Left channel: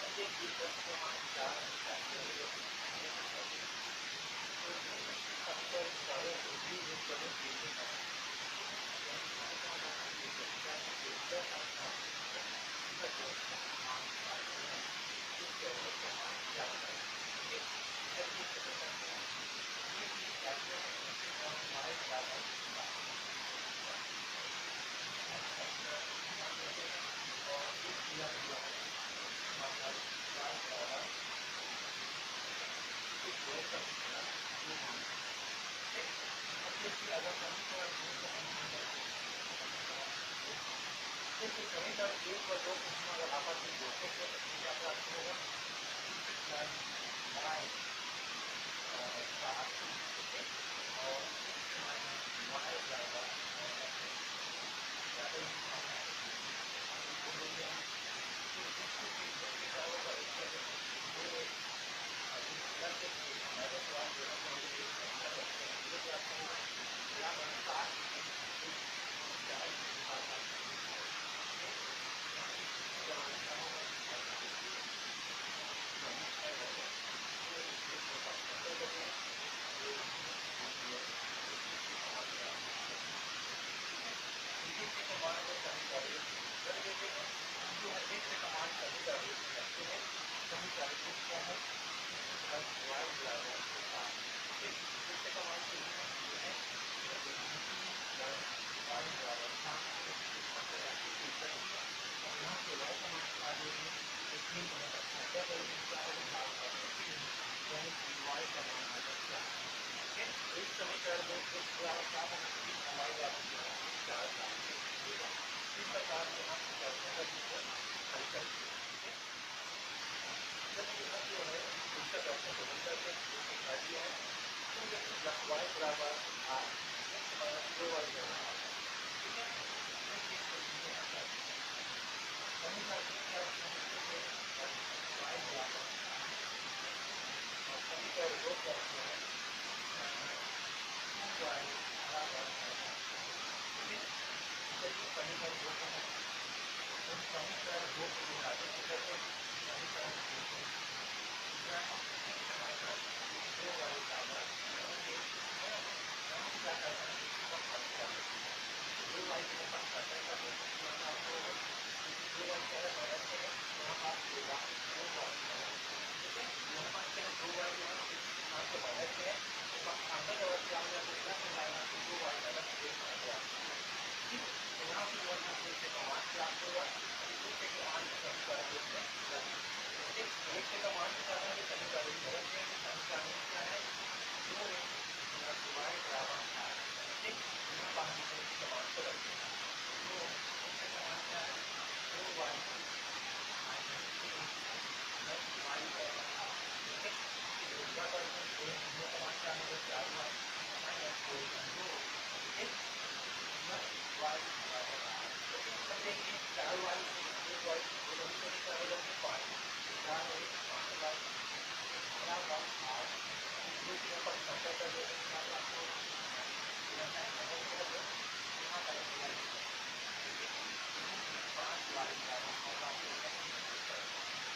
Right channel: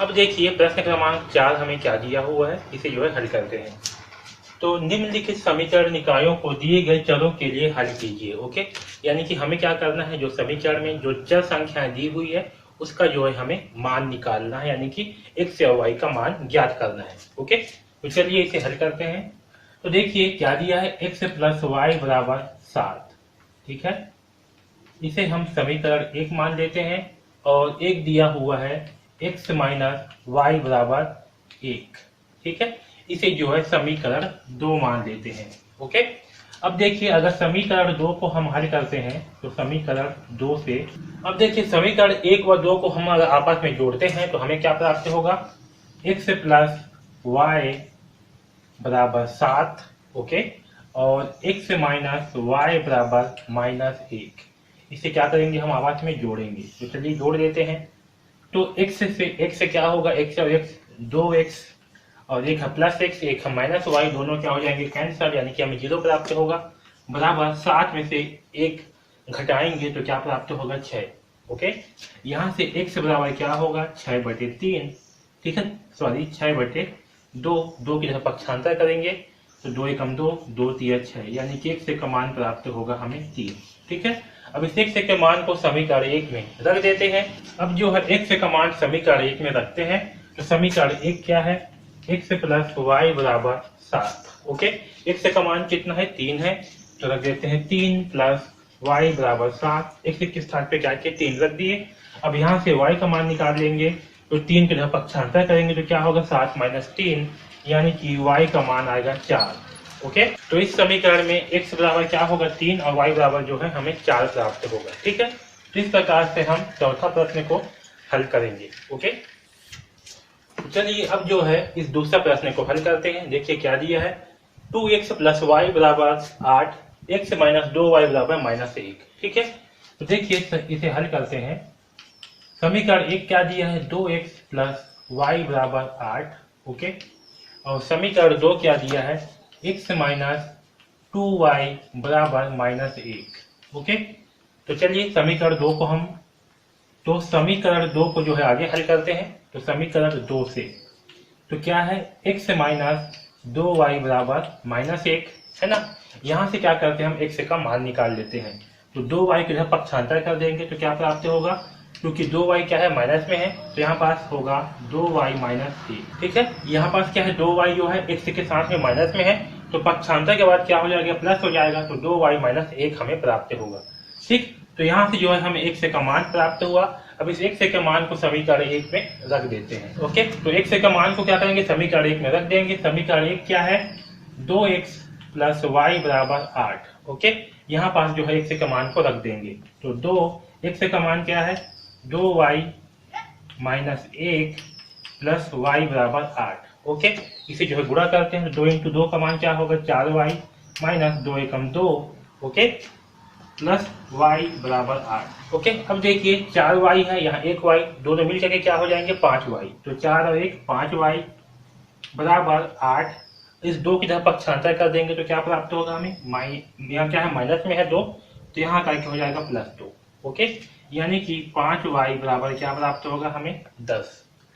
अब देखिए प्रश्न क्रमांक 4 हमें क्या दिया हुआ है, इसे जो है हल करते हैं। तो निम्नलिखित समीकरण निकायों को दिए गए चरों के लिए हल कीजिए। ओके, यानी कि हमें क्या करना है, जो समीकरण में जो चर संख्याएं दी हुई है उसका जो है हमें मान निकालना है, यानी कि x और y का मान ज्ञात करना है। ओके, तो चलिए इसे हल करते हैं। तो देखिए क्या दिया है, x + y = 7। ठीक है, इसे हम समीकरण 1 मान लेते हैं और एक दिया हुआ है x - y = 1। ठीक है, इसे जो है समीकरण 2 मान लेते हैं। ओके, अब देखिए अगर समीकरण 2 को हम हल करते हैं तो समीकरण 2 से, अब देखिए समीकरण 1 व 2 को हम अगर आपस में जोड़ते हैं तो हमें क्या प्राप्त होगा, x + y = 7। ओके, और x - y = -1। इसे क्या करेंगे, हम आपस में जोड़ेंगे। तो चलिए जोड़ देते हैं। तो x से क्या होगा, x और x 2x और एक है +x, एक है -y, दोनों क्या हो जाएंगे, कैंसल, यानी कि हमें 0 प्राप्त होगा। बराबर 7 में से 1 घटाएंगे तो क्या प्राप्त होगा, 6। ओके, यहाँ से x बराबर क्या होगा, 6/3। ठीक है, सॉरी 6/2। 2 की तरफ पक्षांतर करेंगे तो 2 एकम 2, 2 तिया 6, यानी कि x का मान प्राप्त होगा हमें 3। ठीक है, अब इस x के मान को समीकरण 1 में रख देते हैं। अब जो है x का मान समीकरण 1 में रखते हैं तो समीकरण 1 क्या है, x + y = 7। ओके, x का मान कितना है, 3 है, तो रख देते हैं 3 + y = 7। x के स्थान पे क्या के 3 रख दिए। अब यहाँ से y का मान निकाल लेंगे तो 3 की तरफ पक्षांतर करेंगे तो क्या होगा, 7 - 3, यानी कि y का मान आएगा 4। ओके, तो इस समीकरण में x बराबर क्या होगा, 3, और y बराबर जो है हमें 4 प्राप्त होगा। ठीक है, तो इस प्रकार से हम चौथा प्रश्न को हल करेंगे। ओके, चलिए अब जो है इस दूसरा प्रश्न को हल करते हैं। देखिए क्या दिया है, 2x + y = 8, x - 2y = -1। ठीक है, तो देखिए इसे हल करते हैं। समीकरण 1 क्या दिया है, 2x + y = 8। ओके, और समीकरण 2 क्या दिया है, x - 2y = -1। ओके, तो चलिए समीकरण 2 को हम, तो समीकरण 2 को जो है आगे हल करते हैं। तो समीकरण 2 से तो क्या है, x - 2y = -1 है ना। यहाँ से क्या करते हैं, हम x का मान निकाल लेते हैं। तो 2y की तरफ पक्षांतर कर देंगे तो क्या प्राप्त होगा, क्योंकि 2y क्या है, माइनस में है, तो यहाँ पास होगा 2y - 1। ठीक है, यहाँ पास क्या है, 2y जो है x के साथ में माइनस में है, तो पक्षांतर के बाद क्या हो जाएगा, प्लस हो जाएगा, तो 2y - 1 हमें प्राप्त होगा। ठीक, तो यहाँ से जो है हमें x का मान प्राप्त हुआ। अब इस x के मान को समीकरण 1 में रख देते हैं। ओके, तो x का मान को क्या करेंगे, समीकरण 1 में रख देंगे। समीकरण 1 क्या है, 2x + y = 8। ओके, यहाँ पास जो है x का मान को रख देंगे। तो 2x का मान क्या है, 2y - 1 + y = 8। ओके, इसे जो है गुणा करते हैं। 2 × 2 का मान क्या होगा, 4y - 2 एकम 2। Okay, plus y = 8। ओके, अब देखिए 4y है, यहाँ 1y, दोनों मिल करके क्या हो जाएंगे, 5y। तो 4 और 1 5y = 8। इस 2 की तरफ पक्षांतर कर देंगे तो क्या प्राप्त होगा हमें, यहाँ क्या है, माइनस में है 2, तो यहाँ का हो जाएगा +2। ओके, यानी कि 5y बराबर क्या प्राप्त होगा हमें, 10।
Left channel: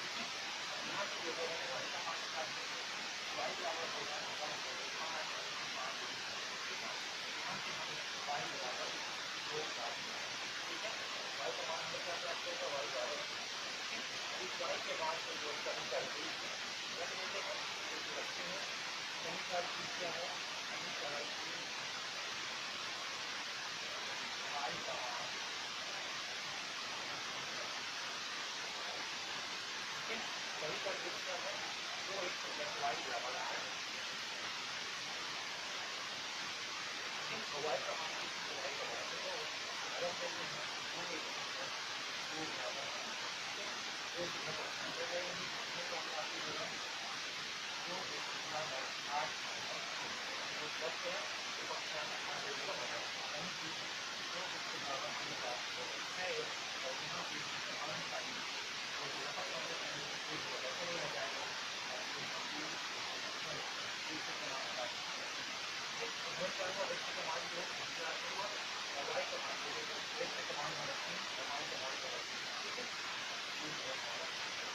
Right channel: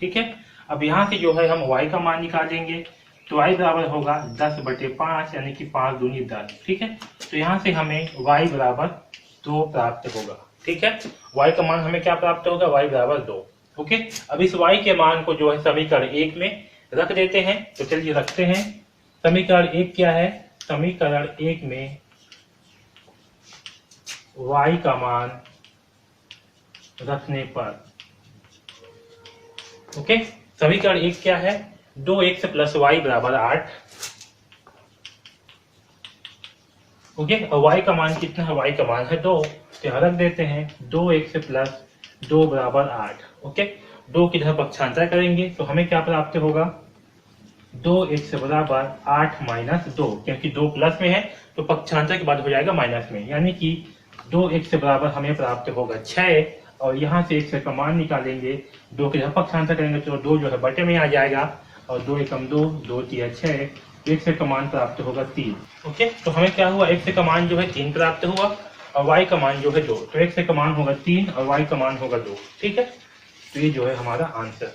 ठीक है, अब यहाँ से जो है हम y का मान निकालेंगे तो y बराबर होगा 10/5, यानी कि 5 दूनी 10। ठीक है, तो यहाँ से हमें y = 2 प्राप्त होगा। ठीक है, y का मान हमें क्या प्राप्त होगा, y = 2। ओके, अब इस y के मान को जो है समीकरण 1 में रख देते हैं। तो चलिए रखते हैं। समीकरण 1 क्या है, समीकरण 1 में y का मान रखने पर, ओके, समीकरण 1 क्या है, 2x + y = 8। ओके, और y का मान कितना है, y का मान है 2, तो यहाँ रख देते हैं 2x + 2 = 8। ओके, 2 की तरफ पक्षांतर करेंगे तो हमें क्या प्राप्त होगा, 2x = 8 - 2, क्योंकि 2 प्लस में है तो पक्षांतर के बाद हो जाएगा माइनस में, यानी कि 2x बराबर हमें प्राप्त होगा 6। और यहाँ से x का मान निकालेंगे, 2 की तरफ पक्षांतर करेंगे तो 2 जो है बटे में आ जाएगा, और 2 एकम 2, 2 तिया 6, x का मान प्राप्त होगा 3। ओके, तो हमें क्या हुआ, x का मान जो है 3 प्राप्त हुआ और y का मान जो है 2, तो x का मान होगा 3 और y का मान होगा 2। ठीक है, तो ये जो है हमारा आंसर।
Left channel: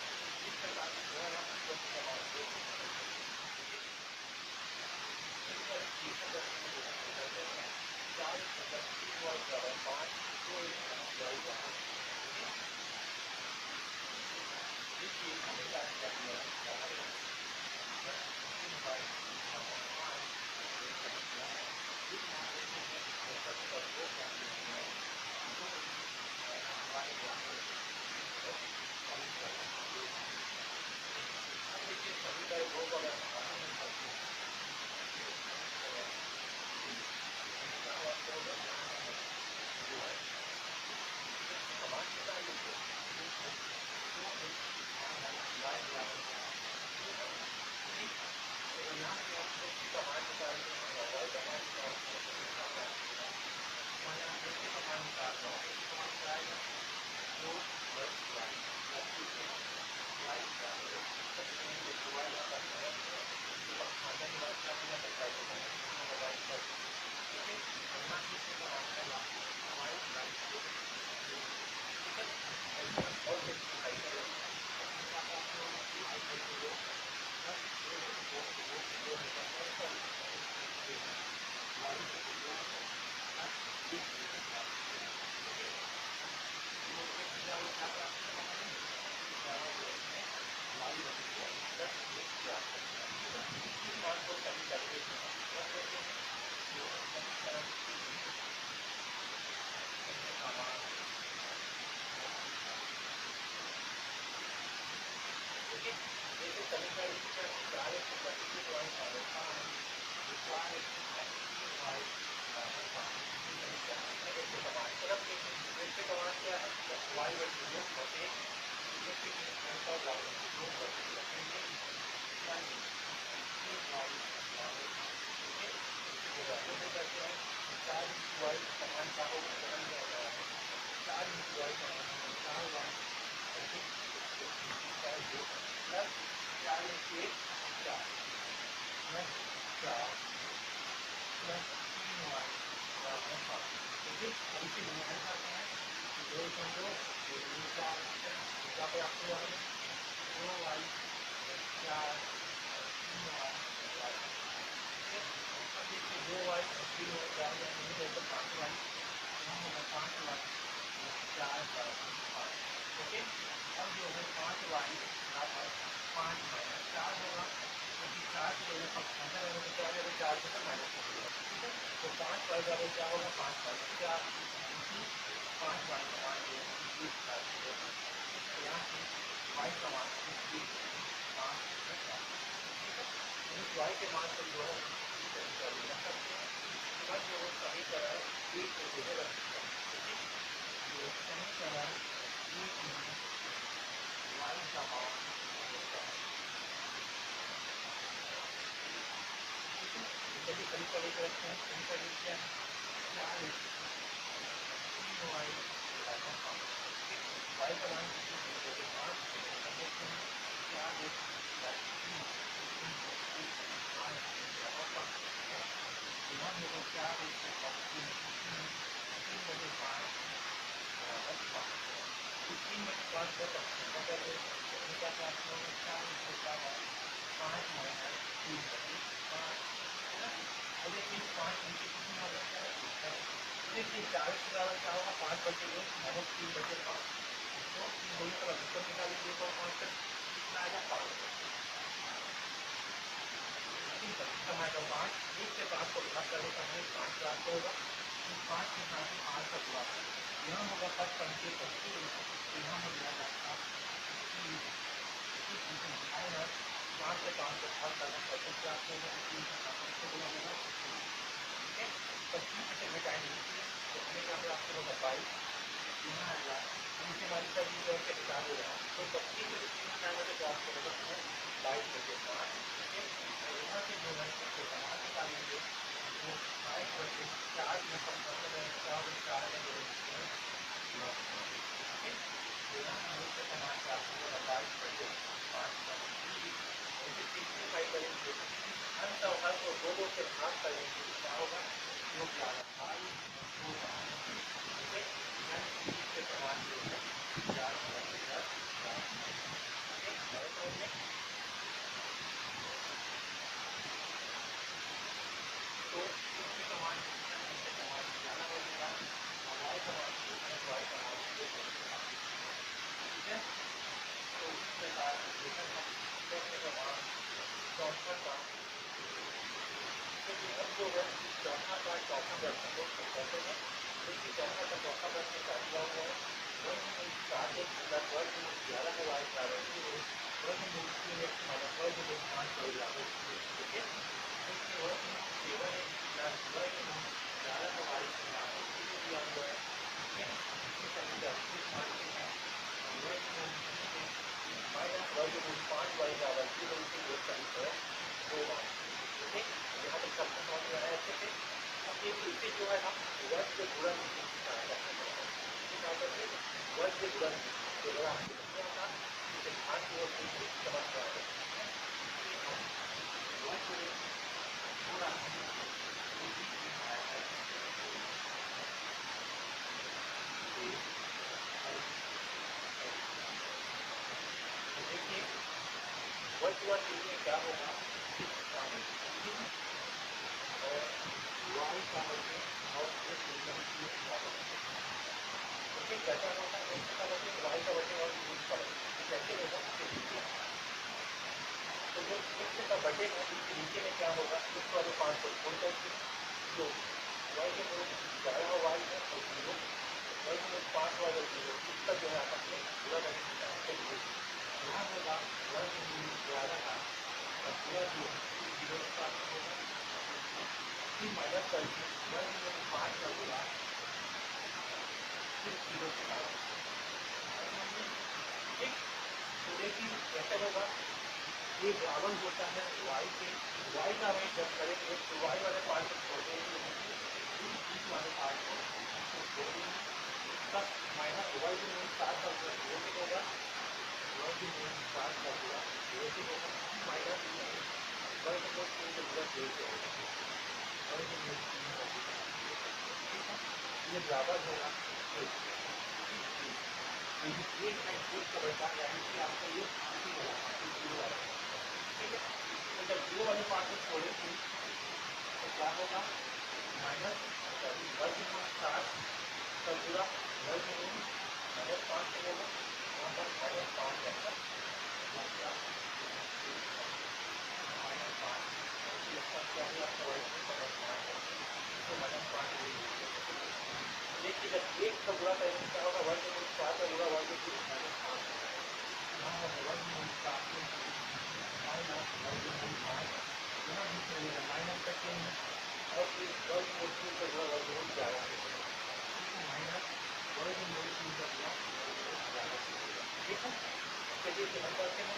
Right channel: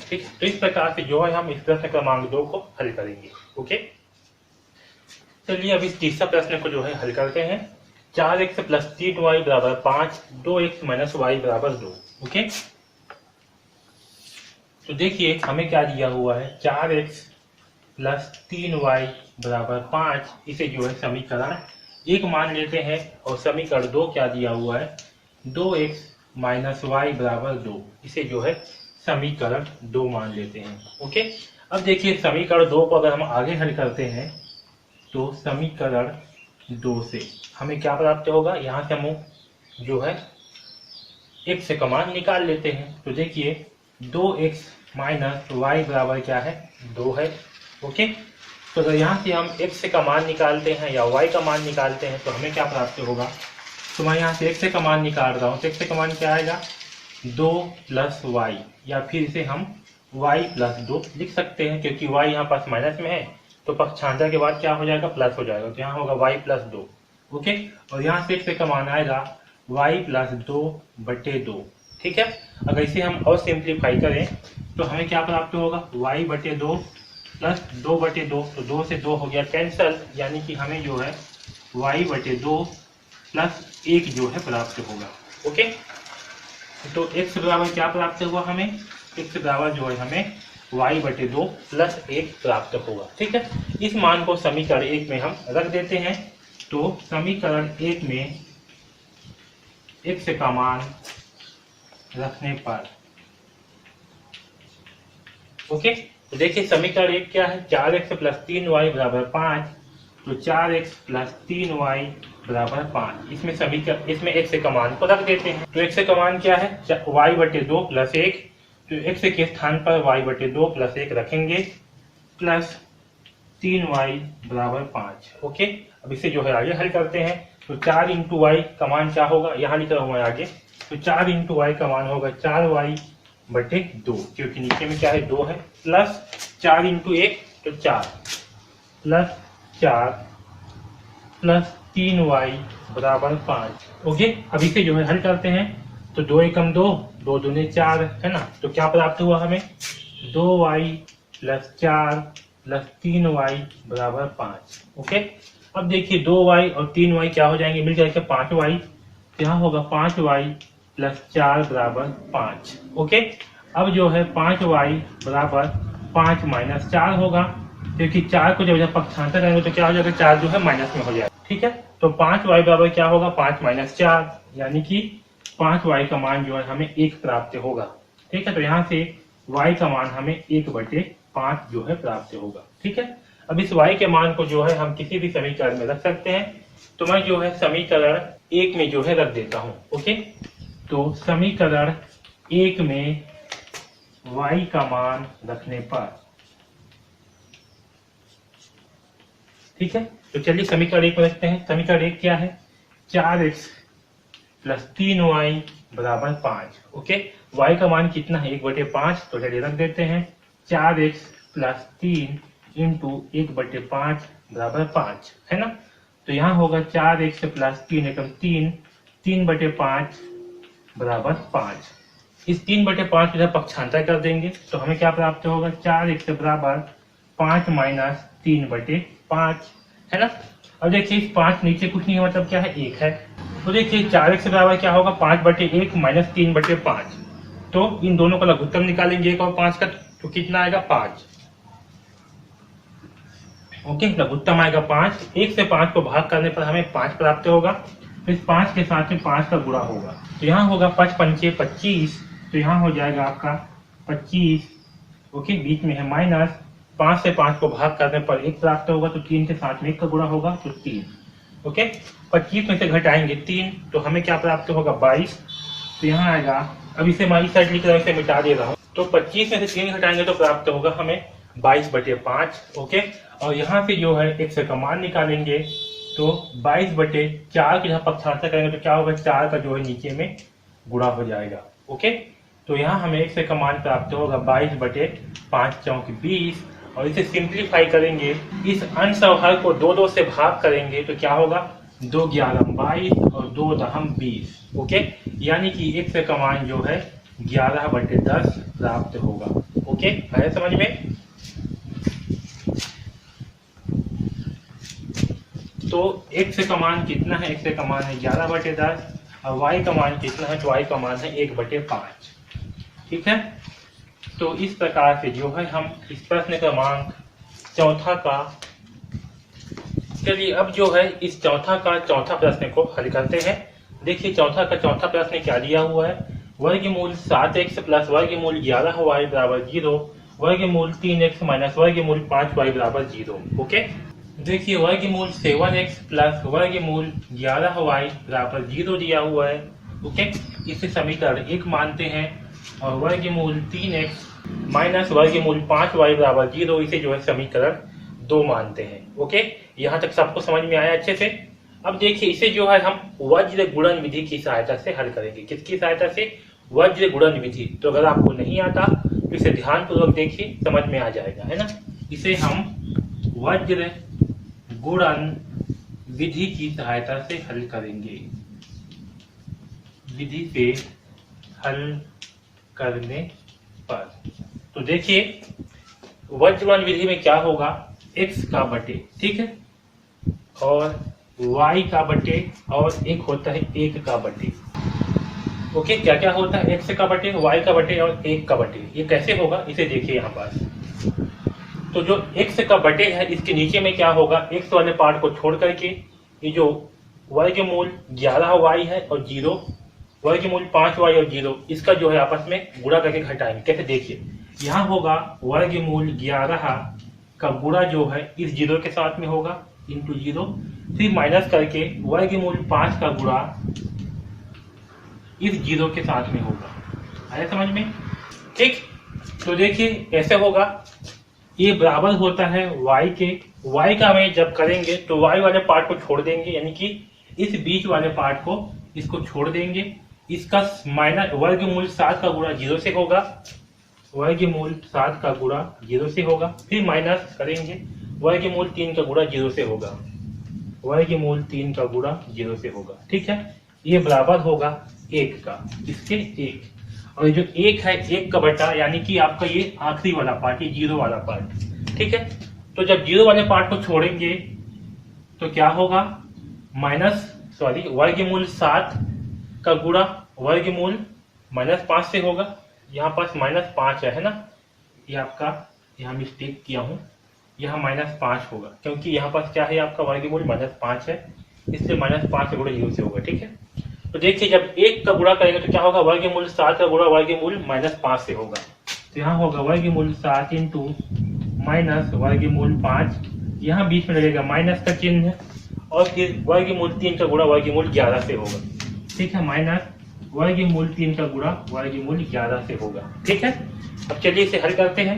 ठीक, तो इस प्रकार से जो है हम इस प्रश्न क्रमांक 2 को हल करेंगे। ओके, चलिए अब इस तीसरा प्रश्न को जो है हल करते हैं। 4x प्लस 3y बराबर 5, 2x माइनस वाई बराबर 2। ओके, तो देखिए हमें क्या दिया हुआ है, 4x प्लस 3y बराबर 5, इसे जो है समीकरण 1 मान लेते हैं, और समीकरण 2 क्या दिया हुआ है, 2x माइनस वाई बराबर 2, इसे जो है समीकरण 2 मान लेते हैं। ओके, अब देखिए समीकरण 2 को अगर हम आगे हल करते हैं तो समीकरण 2 से हमें क्या प्राप्त होगा, यहाँ से हम जो है x से कमान निकाल लेते हैं। तो देखिए 2x माइनस वाई बराबर क्या है, 2 है। ओके, तो अगर यहाँ से हम x से का मान निकालते हैं या y का मान निकालते हैं तो हमें क्या प्राप्त होगा, तो मैं यहाँ से x से का मान निकाल रहा हूँ, तो x से का मान क्या आएगा, 2 प्लस वाई, या फिर इसे हम y प्लस 2 लिख सकते हैं, क्योंकि y यहाँ पास माइनस में है तो पक्षांतर के बाद क्या हो जाएगा, प्लस हो जाएगा, तो यहाँ होगा y प्लस 2। ओके, और यहाँ से x से का मान आएगा y प्लस 2 बटे 2। ठीक है, अगर इसे हम और सिंप्लीफाई करें तो हमें क्या प्राप्त होगा, y बटे 2 प्लस 2 बटे 2, तो 2 से 2 हो गया कैंसल, यानी कि हमें जो है y बटे 2 प्लस 1 जो है प्राप्त होगा। ओके, तो x बराबर क्या प्राप्त हुआ हमें, x बराबर जो है हमें y बटे 2 प्लस 1 प्राप्त होगा। ठीक है, इस मान को समीकरण 1 में हम रख देते हैं, तो समीकरण 1 में x का मान रखने पर, ओके, तो देखिए समीकरण 1 क्या है, 4x प्लस 3y बराबर 5, तो 4x प्लस 3y बराबर 5, इसमें समीकरण इसमें x का मान को रख देते हैं। तो x का मान क्या है, y बटे 2 प्लस 1, तो x के स्थान पर y बटे 2 प्लस 1 रखेंगे, प्लस 3y बराबर 5। ओके, अब इसे जो है आगे हल करते हैं, तो 4 इंटू वाई का मान क्या होगा, यहाँ लिखा हुआ है आगे, तो 4 इंटू वाई का मान होगा 4y बटे 2, क्योंकि नीचे में क्या है 2 है, प्लस 4 इंटू 1 तो 4, प्लस 4 प्लस 3y बराबर 5। ओके, अब इसे जो है हल करते हैं, तो 2 एकम 2, 2 दूने 4 है ना, तो क्या प्राप्त हुआ हमें, 2y प्लस 4 प्लस 3y बराबर 5। ओके, अब देखिए 2y और 3y क्या हो जाएंगे, मिल जाएगा 5y, यहाँ होगा 5y प्लस 4 बराबर 5। ओके, अब जो है 5y बराबर 5 माइनस 4 होगा, क्योंकि 4 को जब पक्षांतर करेंगे तो क्या हो जाएगा, 4 जो है माइनस में हो जाएगा। ठीक है, तो 5y बराबर क्या होगा, 5 माइनस 4, यानी कि 5y का मान जो है हमें 1 प्राप्त होगा। ठीक है, तो यहाँ से y का मान हमें 1 बटे 5 जो है प्राप्त होगा। ठीक है, अब इस y के मान को जो है हम किसी भी समीकरण में रख सकते हैं, तो मैं जो है समीकरण 1 में जो है रख देता हूँ। ओके, तो समीकरण 1 में y का मान रखने पर, ठीक है, तो चलिए समीकरण 1 में रखते हैं। समीकरण 1 क्या है, 4x प्लस 3y बराबर 5। ओके, y का मान कितना है, 1 बटे 5, तो चलिए रख देते हैं 4x प्लस 3 इंटू 1 बटे 5 बराबर 5, है ना, तो यहाँ होगा 4x प्लस 3 एकम 3, 3 बटे 5 बराबर 5। इस 3 बटे 5 इधर पक्षांतर कर देंगे, तो हमें क्या प्राप्त होगा, 4x बराबर 5 माइनस 3 बटे 5, है ना। अब देखिए इस 5 नीचे कुछ नहीं है, मतलब क्या है, 1 है, तो देखिए 4x बराबर क्या होगा, 5 बटे 1 माइनस 3 बटे 5, तो इन दोनों का लघुत्तम निकालेंगे 1 और 5 का, तो कितना आएगा, 5। ओके, लघुत्तम आएगा 5, 1 से 5 को भाग करने पर हमें 5 प्राप्त होगा, तो इस 5 के साथ में 5 का गुणा होगा, तो यहाँ होगा 5 पंचे 25, तो यहाँ हो जाएगा आपका 25। ओके, बीच में है माइनस, 5 से 5 को भाग करने पर 1 प्राप्त होगा, तो 3 के साथ में 1 का गुणा होगा, तो 3। ओके, 25 में से घटाएंगे 3, तो हमें क्या प्राप्त होगा, 22, तो यहाँ आएगा, अब इसे मैं इस साइड लिख रहा हूँ, इसे मिटा दे रहा हूँ, तो 25 में से 3 घटाएंगे तो प्राप्त होगा हमें 22 बटे 5। ओके, और यहाँ पे जो है x का मान निकालेंगे, तो 22 बटे 4 की जहाँ पक्षांतर करेंगे तो क्या होगा, 4 का जो है नीचे में गुणा हो जाएगा। ओके, तो यहाँ हमें x का मान प्राप्त होगा 22 बटे 5 चौक 20, और इसे सिंप्लीफाई करेंगे, इस अंश और हर को 2 से भाग करेंगे तो क्या होगा, 2 11 22 और 2 दहम 20। ओके, यानी कि x का मान जो है 11 बटे 10 प्राप्त होगा। ओके, आया समझ में? तो x का मान कितना है? x का मान है 11/10 और y का मान कितना है? तो y का मान है 1/5। ठीक है, तो इस प्रकार से जो है हम इस प्रश्न क्रमांक चौथा का, चलिए अब जो है इस चौथा प्रश्न को हल करते हैं। देखिए चौथा प्रश्न क्या दिया हुआ है? वर्गमूल 7x प्लस वर्गमूल 11y बराबर 0, वर्गमूल 3x माइनस वर्गमूल 5y बराबर 0। ओके, देखिए वर्गमूल 7x प्लस वर्गमूल 11y बराबर 0 दिया हुआ है। ओके, इसे समीकरण 1 मानते हैं और वर्गमूल 3x माइनस वर्गमूल 5y बराबर 0 इसे जो है समीकरण 2 मानते हैं। ओके, यहाँ तक सबको समझ में आया अच्छे से? अब देखिए इसे जो है हम वज्र गुणन विधि की सहायता से हल करेंगे। किसकी सहायता से? वज्र गुणन विधि। तो अगर आपको नहीं आता तो इसे ध्यानपूर्वक देखिए, समझ में आ जाएगा, है ना। इसे हम वज्र गुणन विधि की सहायता से हल करेंगे। विधि पे हल करने पर तो देखिए वज्र गुणन विधि में क्या होगा? x का बटे, ठीक है, और y का बटे और एक होता है 1 का बटे। ओके, क्या क्या होता है? x का बटे, y का बटे और 1 का बटे। ये कैसे होगा इसे देखिए यहाँ पर। तो जो x का बटे है इसके नीचे में क्या होगा? x वाले पार्ट को छोड़ करके ये जो वर्गमूल 11y है और 0, वर्गमूल 5y और 0, इसका जो है आपस में गुणा करके घटाएंगे। कैसे? देखिए यहाँ होगा वर्गमूल 11 का गुणा जो है इस 0 के साथ में होगा इंटू 0, फिर माइनस करके वर्गमूल 5 का गुणा इस 0 के साथ में होगा। आया समझ में? ठीक, तो देखिए कैसे होगा? ये बराबर होता है y के। y का हमें जब करेंगे तो y वाले पार्ट को छोड़ देंगे, यानी कि इस बीच वाले पार्ट को इसको छोड़ देंगे। इसका माइनस वर्गमूल 7 का गुणा 0 से होगा, वर्गमूल 7 का गुणा 0 से होगा, फिर माइनस करेंगे वर्गमूल 3 का गुणा 0 से होगा, वर्गमूल 3 का गुणा 0 से होगा। ठीक है, ये बराबर होगा 1 का, इसके 1, और जो 1 है 1 का बटा, यानी कि आपका ये आखिरी वाला पार्ट, ये 0 वाला पार्ट। ठीक है, तो जब 0 वाले पार्ट को छोड़ेंगे तो क्या होगा? वर्गमूल 7 का गुणा वर्गमूल -5 से होगा। यहाँ पास -5 है ना, ये आपका यहाँ मिस्टेक किया हूँ, यहाँ -5 होगा क्योंकि यहाँ पास क्या है आपका वर्गमूल -5 है, इससे -5 से गुणा 0 से होगा। ठीक है, तो देखिए जब 1 का गुणा करेंगे तो क्या होगा? वर्गमूल 7 का गुणा वर्गमूल -5 से होगा। तो यहाँ होगा वर्गमूल 7 इंटू माइनस वर्गमूल 5, यहाँ बीच में लगेगा माइनस का चिन्ह, और फिर वर्गमूल 3 का गुणा वर्गमूल 11 से होगा। ठीक है, माइनस वर्गमूल 3 का गुणा वर्गमूल 11 से होगा। ठीक है, अब चलिए इसे हल करते हैं।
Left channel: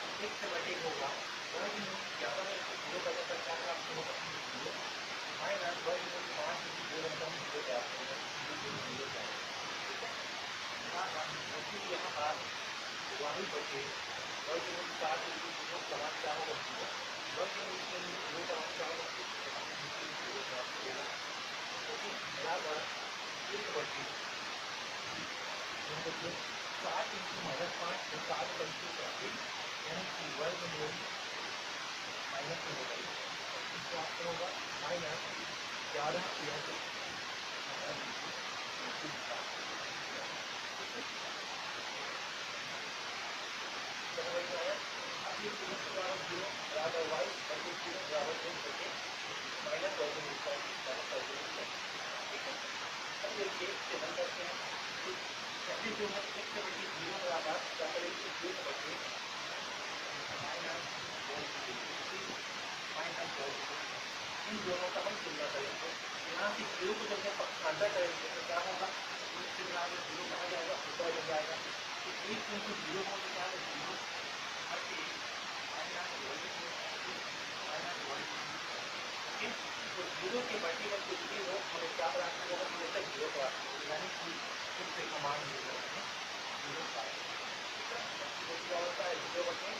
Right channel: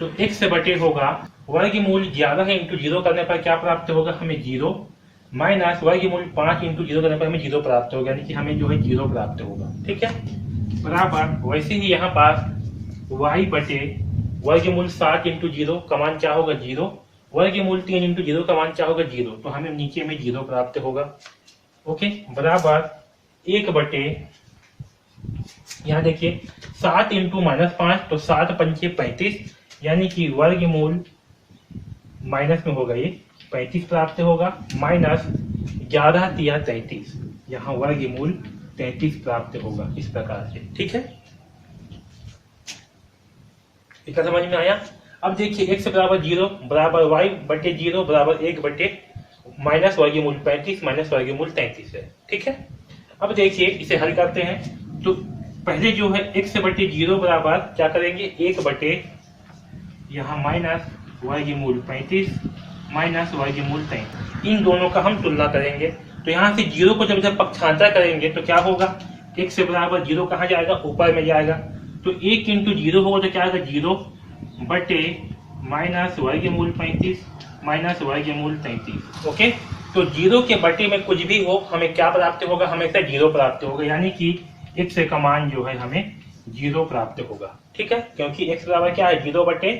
तो x से बटे होगा वर्गमूल 11 इंटू 0 करने पर क्या प्राप्त होगा? हमें 0, माइनस वर्गमूल 5 इंटू 0 करने पर हमें 0 प्राप्त होगा, यानी कि हमें जो है 0 प्राप्त होगा। ठीक है, बराबर वैसे ही यहाँ पास y बटे वर्गमूल 7 इंटू 0 का मान क्या होगा? 0, वर्गमूल 3 इंटू 0 का मान क्या होगा? 0, तो हमें नीचे में 0 प्राप्त होगा। ओके, बराबर 1 बटे, यहाँ देखिए 7 इंटू -5, तो 7 पंचे 35, यानी कि वर्गमूल माइनस में होगा, ये 35 प्राप्त होगा, माइनस 11 तिया 33, यहाँ वर्गमूल 35 प्राप्त होगा, इस प्रकार से। ठीक है, इतना समझ में आया? अब देखिए x बराबर 0 बराबर y बटे 0 बराबर 1 बटे माइनस वर्गमूल 35 माइनस वर्गमूल 33 है। ठीक है, अब देखिए इसे हल करते हैं। तो पहले जो है x बटे 0 बराबर क्या करेंगे? 1 बटे यहाँ माइनस वर्गमूल 35 माइनस वर्गमूल 33, इन दोनों का हम तुलना करेंगे। तो यहाँ से 0 को जब पक्षांतर करेंगे तो क्या होगा? x बराबर 0 कहाँ जाएगा? ऊपर में जाएगा। तो 1 इंटू 0 होगा तो क्या आएगा? 0 बटे माइनस वर्गमूल 35 माइनस वर्गमूल 33। ओके, तो 0 के बटे में कुछ भी हो हमें क्या प्राप्त होगा? हमेशा 0 प्राप्त होगा, यानी कि x का मान जो है हमें 0 प्राप्त होगा। ठीक है, क्योंकि x बराबर क्या है? 0 बटे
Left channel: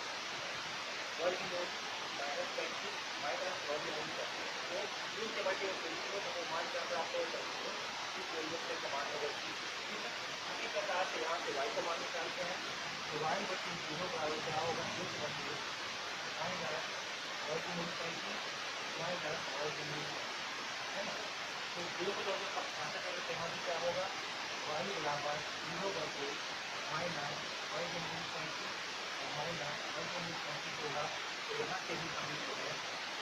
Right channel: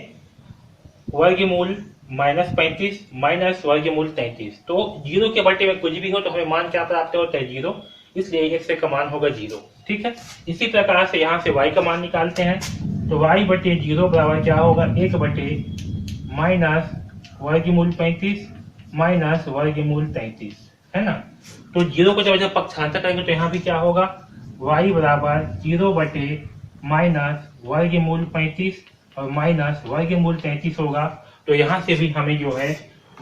वर्गमूल -35 माइनस वर्गमूल 33, तो 0 के बटे में कुछ भी हो तो हमें मान क्या प्राप्त होता है? 0, इसलिए x का मान होगा 0। ठीक है, इसी प्रकार से यहाँ से y का मान निकालते हैं। तो y बटे 0 बराबर क्या होगा, 1 बटे माइनस वर्गमूल 35 माइनस वर्गमूल 33, है ना। तो 0 को जब पक्षांतर करेंगे तो यहाँ भी क्या होगा, y बराबर 0 बटे माइनस वर्गमूल 35 और माइनस वर्गमूल 33 होगा। तो यहाँ से भी हमें जो है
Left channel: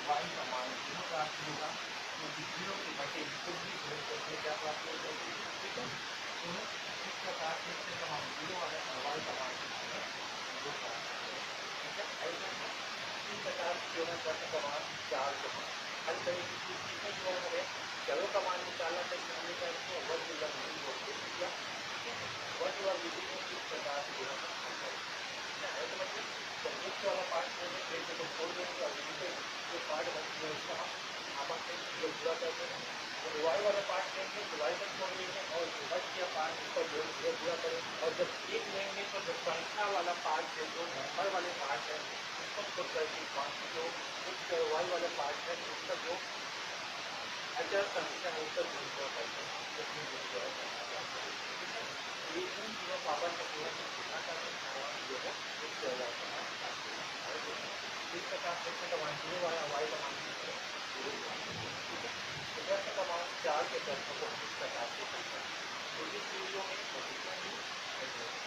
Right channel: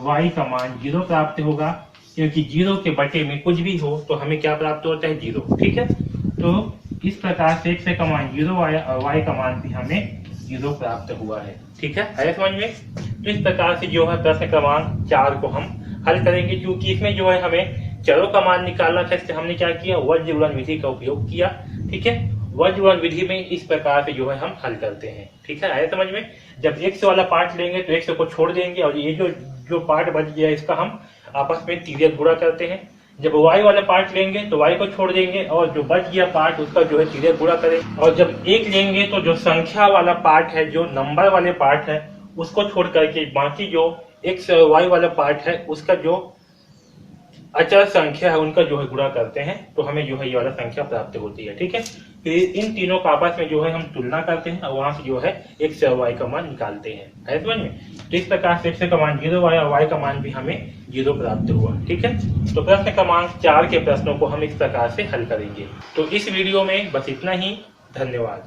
y का मान 0 प्राप्त होगा, क्योंकि 0 के बटे में कुछ भी हो तो हमें क्या प्राप्त होता है, 0। ठीक है, तो इस प्रकार से x का मान 0 आया और y का मान भी हमें 0 प्राप्त हुआ है। ठीक है समझ में। तो इस प्रकार से जो है प्रश्न क्रमांक 4 को हम हल करेंगे, क्योंकि इसमें जो है हमें चरों का मान निकालना था, इससे हमने क्या किया, वज्र गुणन विधि का उपयोग किया। ठीक है, वज्र गुणन विधि में इस प्रकार से जो है हम हल करते हैं। ठीक है, आया समझ में। जब x वाला पार्ट लेंगे तो x को छोड़ देंगे और ये जो पार्ट बच गया इसका हम आपस में तिर्यक गुणा करते हैं। जब y वाला पार्ट लेंगे तो y को छोड़ देंगे और जो बच गया पार्ट उसका जो है तिर्यक गुणा करेंगे। और जब 1 लेंगे तो जो संख्या वाला पार्ट है, जो नंबर वाले पार्ट है, उसको छोड़ करके बाकी जो x y वाला पार्ट है उसका जो अचर संख्या है उनका जो है गुणा करते हैं, तो हमें जो है ये वाला संख्या प्राप्त होती है। ठीक है, तो इन तीनों का आपस में जो है हम तुलना करते हैं और वहाँ से जो है x और y का मान निकालते हैं, है समझ में। तो इस प्रकार से x का मान 0 आया और y का मान भी हमें 0 प्राप्त हुआ। ठीक है, तो प्रश्न क्रमांक 4 के प्रश्नों को हम इस प्रकार से हल करेंगे। तो इस वीडियो में बस इतना ही, धन्यवाद।